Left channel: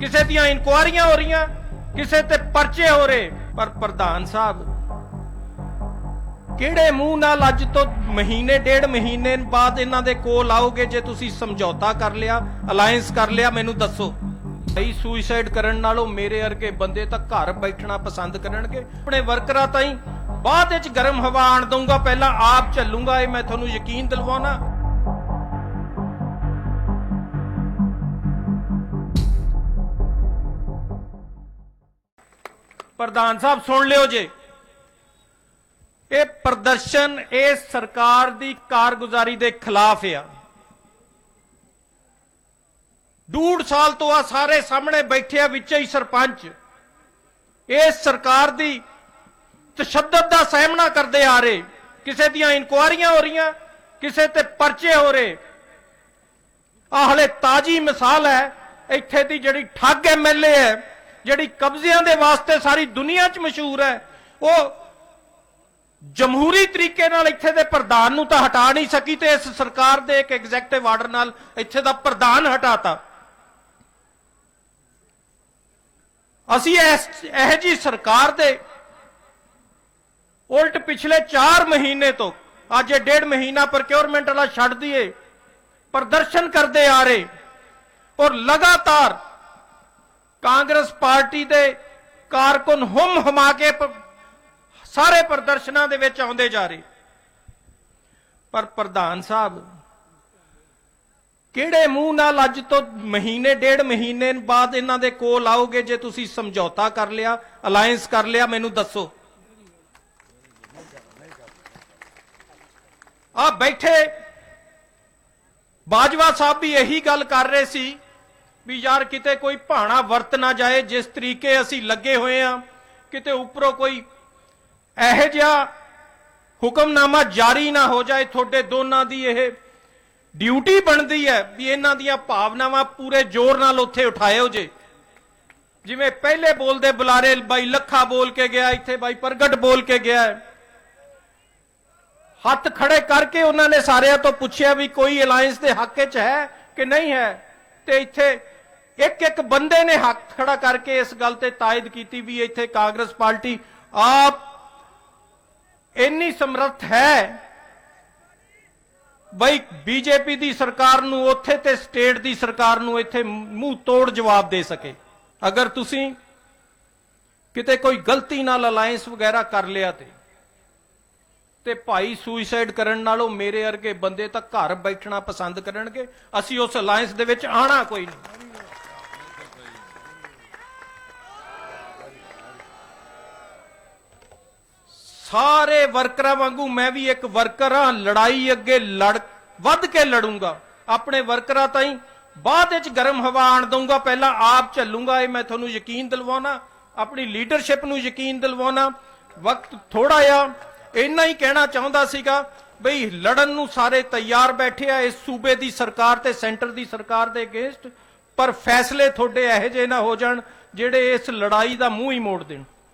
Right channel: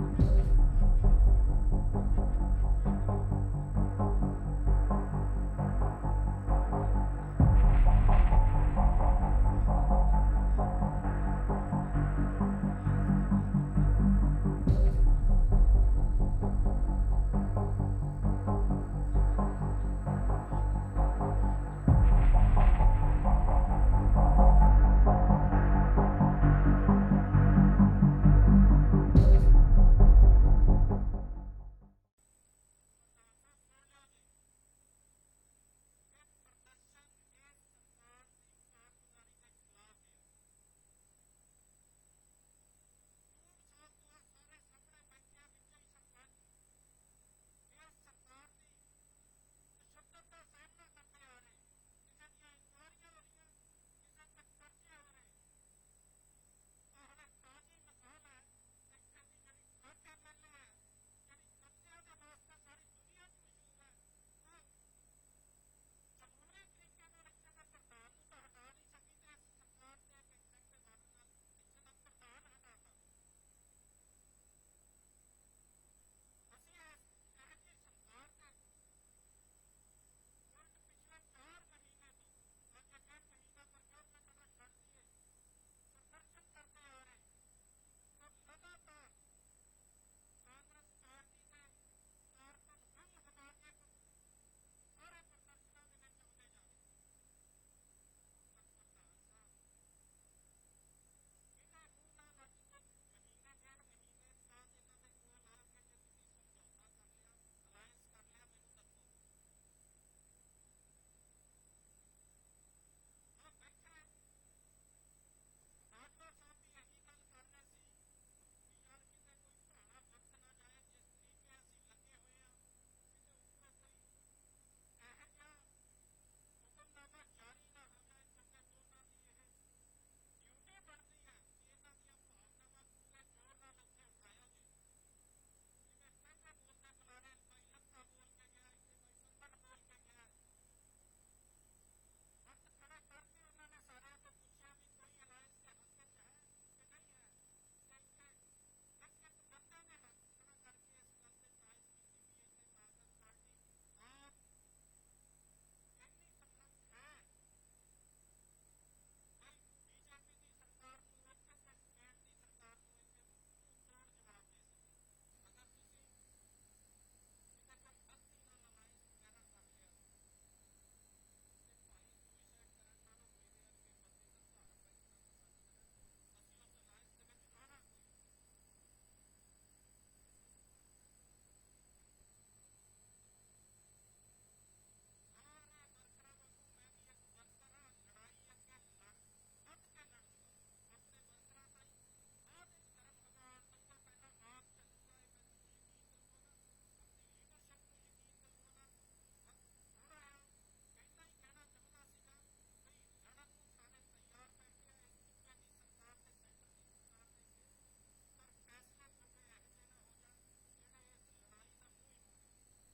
ਕਿਸੇ ਦੀਆਂ ਇਨਕੁਆਰੀਆਂ ਹੋ ਰਹੀਆਂ, ਕਿਸੇ ਤੇ ਪਰਚੇ ਹੋ ਰਹੇ। ਪਰ ਪ੍ਰਧਾਨ ਸਾਹਿਬ, ਕਿਹੜੇ ਮੂੰਹ ਨਾਲ ਅੱਜ ਤੋਂ ਮਹੀਨੇ, ਡੇਢ ਮਹੀਨੇ ਬਾਅਦ ਇਹਨਾਂ ਦੇ ਕੋਲ ਆਓਗੇ ਜੇ ਤੁਸੀਂ ਸਮਝੌਤਾ ਕਰ ਲਿਆ ਅਲਾਈਅੰਸ ਕਰ ਲਿਆ, ਮੈਨੂੰ ਦੱਸੋ। ਸਹੀ ਸੁਸਾਈਡ ਕਰਨ ਨਾਲੋਂ ਮੇਰੇ ਵਰਗੇ ਬੰਦੇ ਤਾਂ ਘਰ ਬੈਠਣਾ ਪਸੰਦ ਕਰਨਗੇ। ਆਪਣੇ ਵਰਕਰਾਂ ਤਾਈਂ ਬਾਅਦ ਵਿੱਚ ਗਰਮ ਹਵਾ ਆਣ ਦਊਂਗਾ, ਪਹਿਲਾਂ ਆਪ ਚੱਲੂੰਗਾ, ਇਹ ਮੈਂ ਤੁਹਾਨੂੰ ਯਕੀਨ ਦਿਲਵਾਉਣਾ। ਪ੍ਰਧਾਨ ਸਾਹਿਬ, ਸੁਣ ਲਿਓ ਜੇ। ਇਹ ਪ੍ਰਦਰਸ਼ਨ ਇਹ ਸਰਕਾਰ ਦੀ ਕਾਰਗੁਜ਼ਾਰੀ ਦੇ ਖਿਲਾਫ ਆ। ਡੂਢ ਸਾਲ ਤੋਂ ਆ ਸਾਰੇ ਸਾਹਮਣੇ ਬੈਠੇ ਆ ਵਿੱਚ ਹੀ ਸਰਪੰਚ। ਇਹ ਸਰਕਾਰ ਦੀ ਤਸ਼ੱਦਦ ਦਾ ਸਾਹਮਣਾ ਕਰਦੇ ਆ ਰਹੇ। ਕਿਸੇ ਦੀਆਂ ਇਨਕੁਆਰੀਆਂ ਹੋ ਰਹੀਆਂ, ਕਿਸੇ ਤੇ ਪਰਚੇ ਹੋ ਰਹੇ। ਆਹ ਹਲੇ ਤਾਜੀ ਮਿਸਾਲ ਹੈ, ਇੱਥੇ ਦੀ ਜਿਹੜੀ ਠੱਗ ਐਮਐਲਏ ਹੈ ਜਿਹੜੀ ਕਬਜ਼ਿਆਂ ਦੇ ਵਾਸਤੇ ਸਾਰੀ ਦੁਨੀਆ 'ਚ ਮਸ਼ਹੂਰ ਹੈ, ਉਹ ਜਮਹੂਰੀ ਤਰੀਕੇ ਨਾਲ ਇੱਥੇ ਦੇ ਪ੍ਰਧਾਨ ਨੂੰ ਤਾਂ ਹਟਾ ਨਹੀਂ ਸਕੀ ਤੇ ਇਸ ਸਰਕਾਰ ਦੇ ਇੱਕ ਐਗਜ਼ੈਕਟਿਵ ਆਰਡਰ ਨਾਲ ਇੱਥੇ ਦਾ ਪ੍ਰਧਾਨ ਹਟਾਤਾ। ਅਸੀਂ ਇਸ, ਇਹ ਜੀ ਸਰਕਾਰ ਦੇ ਉਲਟ ਪਿਛਲੇ 4 ਮਹੀਨੇ ਤੋਂ, ਅੱਜ ਇਹ ਡੇਢ ਮਹੀਨਾ ਪ੍ਰੋਕਿਉਰਮੈਂਟ ਵਾਲਾ ਛੱਡ ਦਈਏ, ਪ੍ਰਦਰਸ਼ਨ ਕਰਦੇ ਆ ਰਹੇ ਔਰ ਲਗਾਤਾਰ ਕਾਂਗਰਸ ਪਾਰਟੀ ਦੇ ਕਾਰਕੁਨ ਹੁਮ ਹਮਾ ਕੇ ਸਾਰੇ ਪ੍ਰਦਰਸ਼ਨਾਂ ਦੇ ਵਿੱਚ ਆਉਂਦੇ ਜਾ ਰਹੇ। ਪਰ ਪ੍ਰਧਾਨ ਸਾਹਿਬ, ਕਿਹੜੇ ਮੂੰਹ ਨਾਲ ਅੱਜ ਤੋਂ ਮਹੀਨੇ, ਡੇਢ ਮਹੀਨੇ ਬਾਅਦ ਇਹਨਾਂ ਦੇ ਕੋਲ ਆਓਗੇ ਜੇ ਤੁਸੀਂ ਸਮਝੌਤਾ ਕਰ ਲਿਆ ਅਲਾਈਅੰਸ ਕਰ ਲਿਆ, ਮੈਨੂੰ ਦੱਸੋ। ਆ ਬੈਠੇ ਬਾਜਵਾ ਸਾਹਿਬ ਵੀ ਇਹੀ ਗੱਲ ਕਰ ਰਹੇ ਸੀ ਵੀ ਯਾਰ ਕਿਤੇ ਕੋਈ ਭਾਣਾ ਵਰਤ ਨਾ ਜਾਏ, ਜਿਸ ਤਰੀਕੇ ਅਸੀਂ ਲੱਗੇ ਹੋਏ ਆ, ਕਿਤੇ ਉੱਪਰੋਂ ਕੋਈ ਇਹੋ ਜਿਹਾ ਹੁਕਮਨਾਮਾ ਜਾਰੀ ਨਾ ਹੋ ਜਾਏ, ਤੁਹਾਡੇ ਦੋਨਾਂ ਦੀ ਇਹ ਡਿਊਟੀ ਬਣਦੀ ਹੈ ਵੀ ਇਹਨਾਂ ਦੀਆਂ ਭਾਵਨਾਵਾਂ ਪੂਰੇ ਜ਼ੋਰ ਨਾਲ ਉੱਥੇ ਉਠਾਇਓ ਜੇ। ਜਿਵੇਂ ਪਹਿਲੇ ਬੋਲਦੇ ਬੁਲਾਰੇ, ਬਾਈ ਲੱਖਾ ਬੋਲ ਕੇ ਗਿਆ, ਇੱਥੇ ਬਾਈ ਪ੍ਰਗਟ ਬੋਲ ਕੇ ਗਿਆ। ਹੱਥ ਖੜੇ ਕਰਕੇ ਉਹਨਾਂ ਨੇ ਸਾਰਿਆਂ ਤੋਂ ਪੁੱਛਿਆ ਵੀ ਕੋਈ ਅਲਾਈਅੰਸ ਦੇ ਹੱਕ 'ਚ ਹੈ ਕਿ ਨਹੀਂ ਹੈ? ਤੇ ਇੱਥੇ ਇੱਕ ਇੱਕ ਬੰਦੇ ਨੇ ਹੱਥ ਖੜਾ ਕਰਕੇ ਇਸ ਗੱਲ ਤੇ ਤਾਇਦ ਕੀਤੀ ਵੀ ਇੱਥੇ ਕਾਂਗਰਸ ਪਾਰਟੀ ਆਪ ਇੰਨੀ ਸਮਰੱਥ ਹੈ ਬਈ ਬੀਜੇਪੀ ਦੀ ਸਰਕਾਰ ਨੂੰ ਉੱਥੇ ਤੇ ਸਟੇਟ ਦੀ ਸਰਕਾਰ ਨੂੰ ਇੱਥੇ ਮੂੰਹ ਤੋੜ ਜਵਾਬ ਦੇ ਸਕੇ। ਅਗਰ ਤੁਸੀਂ ਕਿਤੇ ਕੋਈ ਗਲਤੀ ਨਾਲ ਅਲਾਈਅੰਸ ਵਗੈਰਾ ਕਰ ਲਿਆ ਤੇ ਤੇ ਭਾਈ ਸੁਸਾਈਡ ਕਰਨ ਨਾਲੋਂ ਮੇਰੇ ਵਰਗੇ ਬੰਦੇ ਤਾਂ ਘਰ ਬੈਠਣਾ ਪਸੰਦ ਕਰਨਗੇ, ਅਸੀਂ ਉਸ ਅਲਾਈਅੰਸ ਦੇ ਵਿੱਚ ਆਣਾ ਕੋਈ ਨਹੀਂ। ਸਾਰੇ ਵਰਕਰਾਂ ਵਾਂਗੂ ਮੈਂ ਵੀ ਇੱਕ ਵਰਕਰ ਹਾਂ, ਲੜਾਈ ਅੱਗੇ ਲੜ, ਵੱਧ ਕੇ ਲੜੂੰਗਾ। ਆਪਣੇ ਵਰਕਰਾਂ ਤਾਈਂ ਬਾਅਦ ਵਿੱਚ ਗਰਮ ਹਵਾ ਆਣ ਦਊਂਗਾ, ਪਹਿਲਾਂ ਆਪ ਚੱਲੂੰਗਾ, ਇਹ ਮੈਂ ਤੁਹਾਨੂੰ ਯਕੀਨ ਦਿਲਵਾਉਣਾ, ਆਪਣੀ ਲੀਡਰਸ਼ਿਪ ਨੂੰ ਯਕੀਨ ਦਿਲਵਾਉਣਾ। ਵਕਤ ਥੋੜਾ ਆ ਇੰਨਾ ਹੀ ਕਹਿਣਾ ਚਾਹੁੰਦਾ ਸੀਗਾ, ਬਈ ਲੜਨ ਨੂੰ ਸਾਰੇ ਤਿਆਰ ਬੈਠੇ ਆ, ਇਸ ਸੂਬੇ ਦੀ ਸਰਕਾਰ ਤੇ ਸੈਂਟਰ ਦੀ ਸਰਕਾਰ ਦੇ ਅਗੇਂਸਟ, ਪਰ ਫੈਸਲੇ ਤੁਹਾਡੇ ਇਹੋ ਜਿਹੇ ਨਾ ਹੋ ਜਾਣ, ਜਿਹੜੇ ਇਸ ਲੜਾਈ ਦਾ ਮੂੰਹ ਹੀ ਮੋੜ ਦੇਣ।